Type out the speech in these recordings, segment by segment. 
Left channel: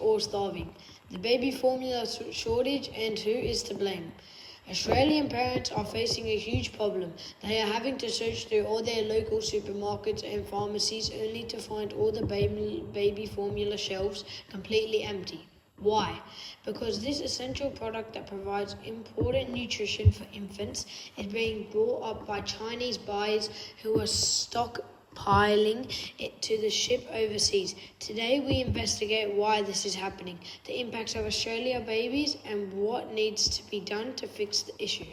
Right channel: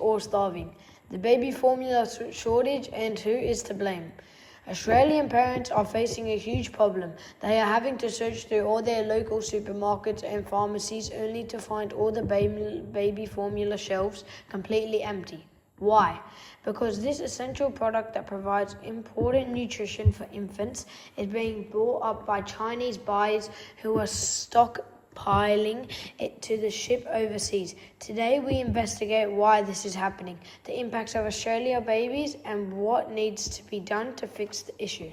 or starving. The baby formula shortage and who is to blame? Australian parents are facing a huge problem. They are having to search through all their local supermarkets and pharmacies only to find all the baby formula shelves completely empty. Why? Because this essential product that provides important nutrition for infants is being brought up by Chinese buyers who are stockpiling it to the ship overseas. Today we investigate why this is happening, the impacts of Australia babies, and what needs to be done to fix the issue.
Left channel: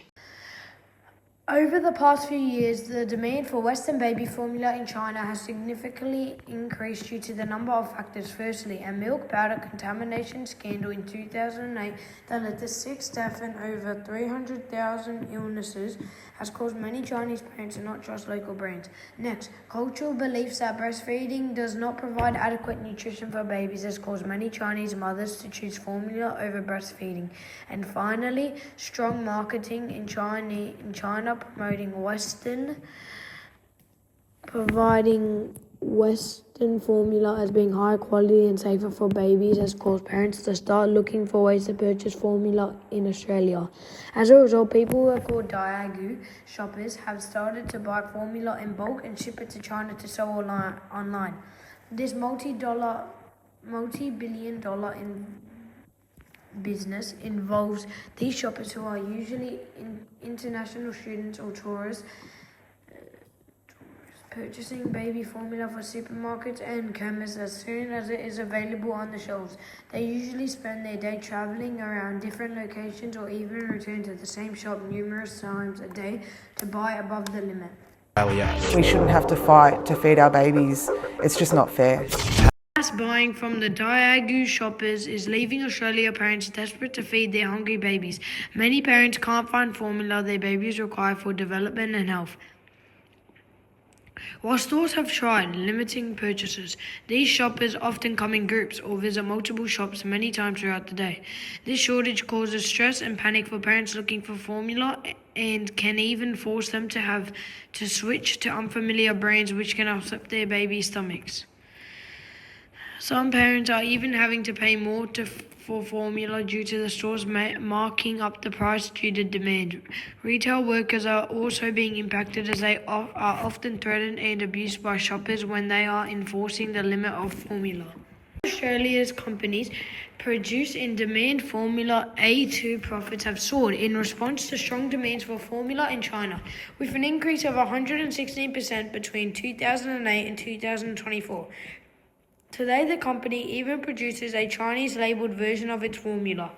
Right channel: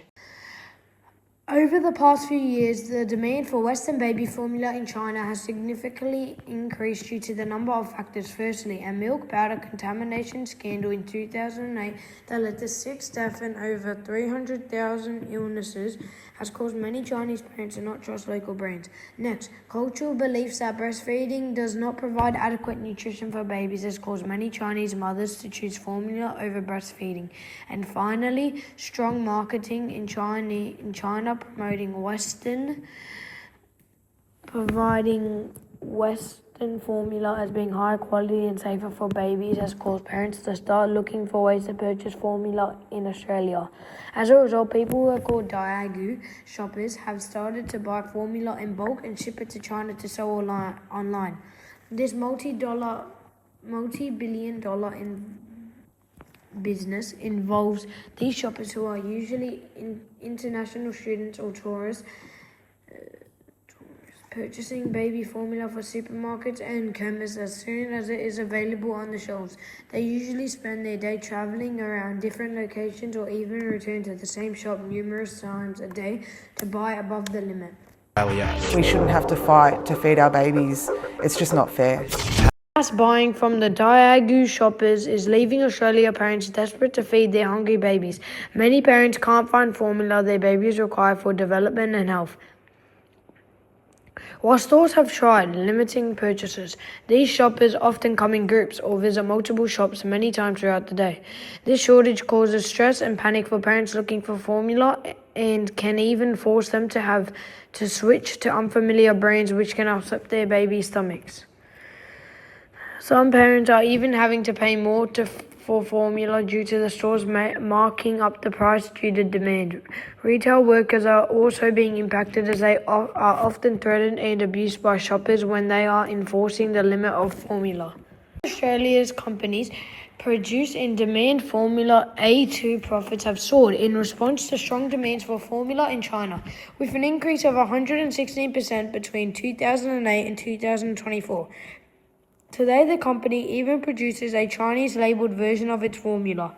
Over the past few years, the demand for Western baby formula in China has significantly increased due to the number of factors. Firstly, a milk powder contamination scandal in 2008 that led to 6 deaths and over 300,000 illnesses has caused many Chinese parents, and not just local brands. Next, cultural beliefs that breastfeeding does not provide adequate nutrition for babies has caused many Chinese mothers to choose formula over breastfeeding. And finally, strong marketing in China providing Western formula as being high quality and safer for babies has caused parents to start looking for ways to purchase formula in Australia. As a result, people who are called Daigou shoppers have started to buy formula in bulk and ship it to China to sell online. This multi-billion dollar business involves these shoppers, who are usually international students or tourists, purchasing baby formula for supermarkets and chemists as soon as it is available on the shelves. They usually spend their day traveling around different locations or even return to the same shop numerous times a day to buy above the limit. We shouldn't have to fight to feed our babies. It's just not fair. Mass buying from the Daigou shoppers is leaving Australia parents desperate to feed their hungry babies. Many parents can't find formula their babies require for development and health. While stores have tried limiting purchases, these shoppers often come in groups or visit multiple shops many times throughout the day. This shortage causes stress and panic for parents looking for formula and can even force them to have to switch to unfamiliar brands, which can upset their baby's stomachs. Some parents are even having to pay more for formula due to the stores marking up the price due to demand. Retail workers are also being impacted, as they are often threatened and abused by shoppers when they are enforcing the limit of formula. Australia's companies produce and demand formula A2 profits have soared in response to strong demands for formula in China, with an increase of 116% between 2008 and 2024. Today, the company even produces a Chinese-labeled version of its formula.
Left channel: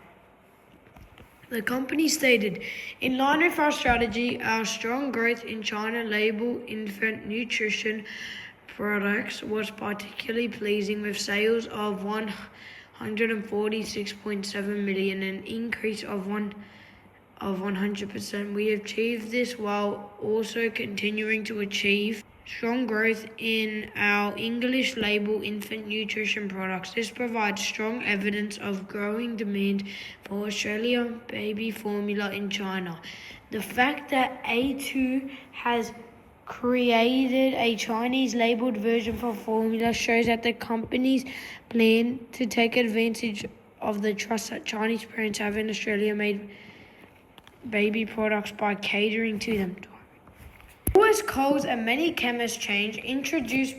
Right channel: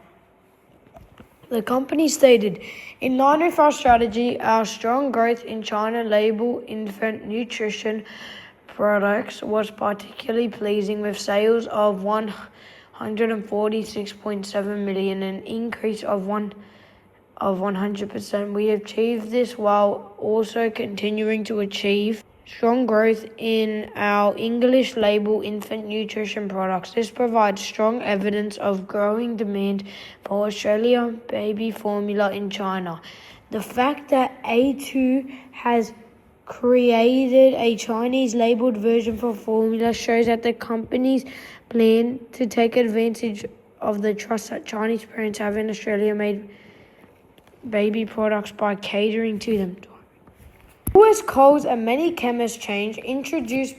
The company stated, "In line with our strategy, our strong growth in China-label infant nutrition products was particularly pleasing, with sales of 146.7 million, an increase of 100%. We achieved this while also continuing to achieve strong growth in our English label infant nutrition products. This provides strong evidence of growing demand for Australian baby formula in China. The fact that A2 has created a Chinese labeled version for formula shows that the company's plan to take advantage of the trust that Chinese parents have in Australia-made baby products by catering to them." US Coles and many chemist chains introduced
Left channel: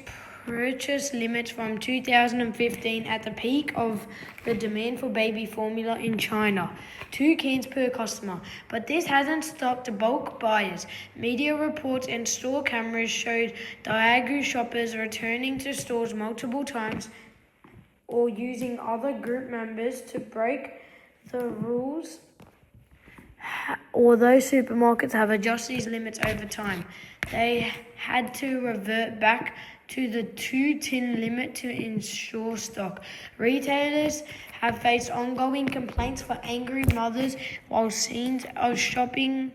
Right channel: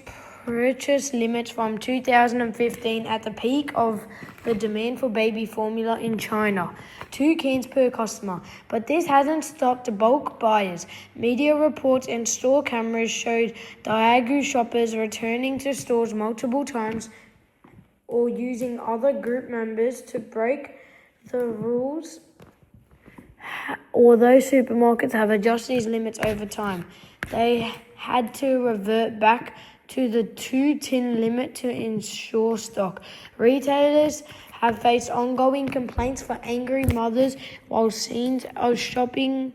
purchase limits from 2015 at the peak of the demand for baby formula in China, 2 cans per customer. But this hasn't stopped bulk buyers. Media reports and store cameras showed Daigou shoppers returning to stores multiple times or using other group members to break the rules. Although supermarkets have adjusted these limits over time, they had to revert back to the 2-tin limit to ensure stock. Retailers have faced ongoing complaints for angry mothers, while scenes of stripping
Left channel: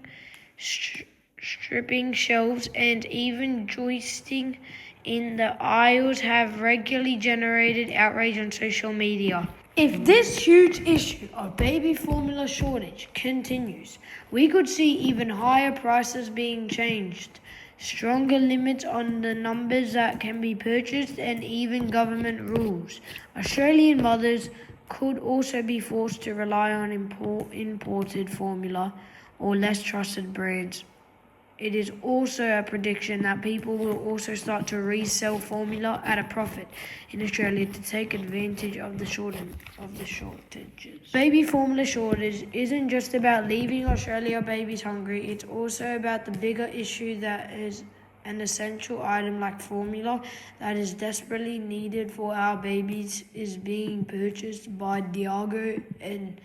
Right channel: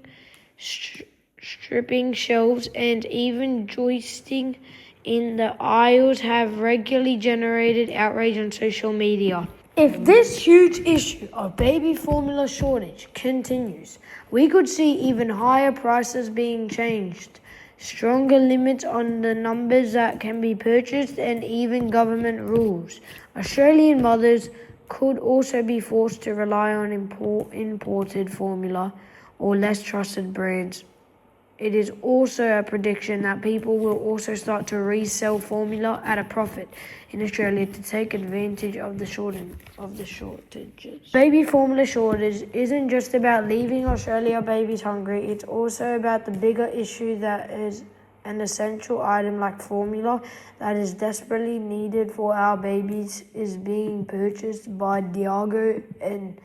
shelves and even joisting in the aisles have regularly generated outrage on social media. If this huge issue of baby formula shortage continues, we could see even higher prices being changed, stronger limits on the numbers that can be purchased, and even government rules. Australian mothers could also be forced to rely on imported formula or less trusted brands. It is also a prediction that people will also start to resell formula at a profit in Australia to take advantage of the shortages. Baby formula shortage isn't just about leaving Australia babies hungry, it's also about the bigger issue that is an essential item like formula that is desperately needed for our babies is being purchased by Diageo and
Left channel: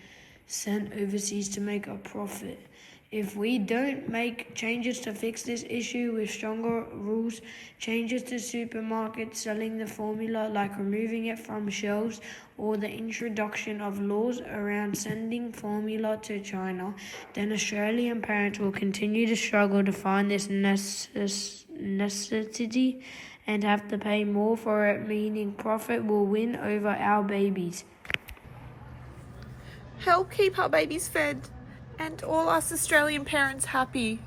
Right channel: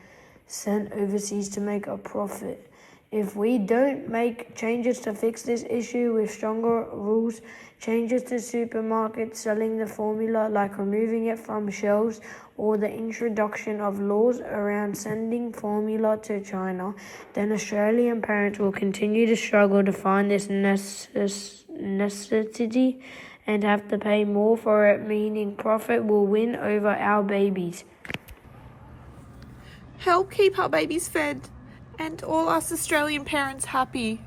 sent overseas to make a profit. If we don't make changes to fix this issue with stronger rules, changes to supermarkets selling the formula, like removing it from shelves, or the introduction of laws around sending formula to China, then Australian parents will continue to struggle to find this necessity and have to pay more for it, meaning profit will win over our babies. Help keep our babies fed and all us Australian parents happy.